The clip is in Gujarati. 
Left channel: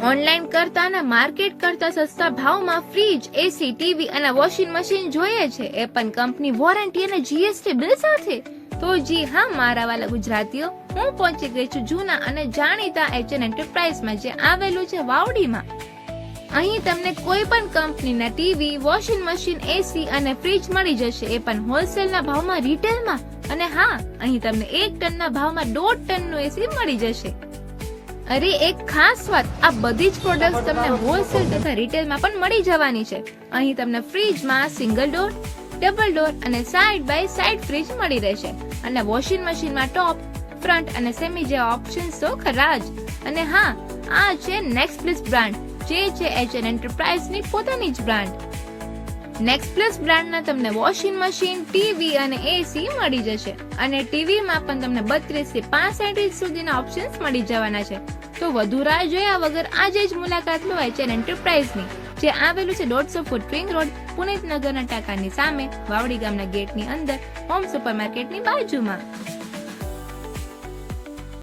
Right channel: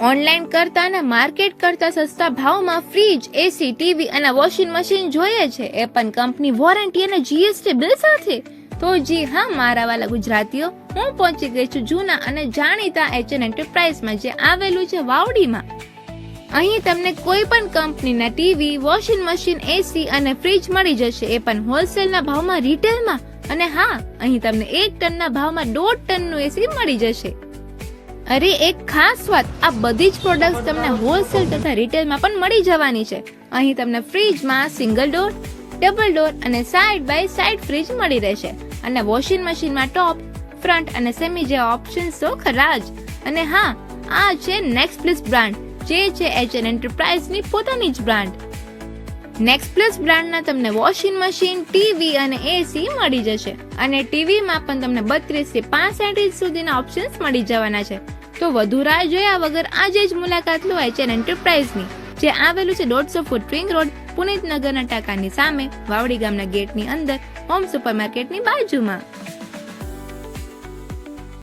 ઓનલાઈન કરતા અને માર્કેટ કરતા સસ્તા ભાવમાં ફ્રીજ, એસી, ટીવી અને વોશિંગ મશીન જોઈએ છે. એ પણ કંપની વોરંટી અને જીએસટી બિલ સાથે. તો જી હા, મારા વાલા ગુજરાતીઓ, હું પહોંચી ગઈ છું જૂના અને જાણીતા એચએન એન્ટરપ્રાઇઝમાં જે આવેલું છે વાવડીમાં. અહીં તમને કોઈ પણ કંપનીના ટીવી, વોશિંગ મશીન, એસી અને ફ્રીજ મળી જશે. એ પણ હોલસેલના ભાવમાં, રિટેલમાં. અને હા, અહીં તમને એક ટનના ભાવમાં દોઢ ટનનું એસી મળી જશે. અરે, એક ખાસ વાત. આ બધી જ પ્રોડક્ટ્સ તમને હોલસેલ તથા રિટેલમાં પણ મળી જવાની છે. અહીં તમને ફ્રીજમાં સિંગલ ડોર ડબલ ડોર અને સાઇડ બાય સાઇડ ફ્રીજ મળી રહેશે. અને વોશિંગ મશીનમાં ટોપ ફ્રન્ટ અને સેમી જેવા ઓપ્શન્સ તો ખરા જ. અને હા, આ છે નેક્સ્ટ પ્લસ બ્રાન્ડ જે છે એચએન એન્ટરપ્રાઇઝની પોતાની જ બ્રાન્ડ નેક્સ્ટ પ્લસ બ્રાન્ડના તમને વોશિંગ મશીન ટીવી અને એસી મળી જશે. અને ટીવીમાં પણ તમને બત્રીસથી પાંસઠ ઇંચ સુધીના ઓપ્શન્સ મળી જવાના છે. તો વધુ રાહ જોયા વગર આજે જ મુલાકાત લો એચએન એન્ટરપ્રાઇઝની જે આવેલું છે દોઢસો ફૂટ રિંગ રોડ, પુનિત નગરના ટાંકાની સામે, વાવડી ગામના ગેટની અંદર હોમ સુપરમાર્કેટની બાજુમાં.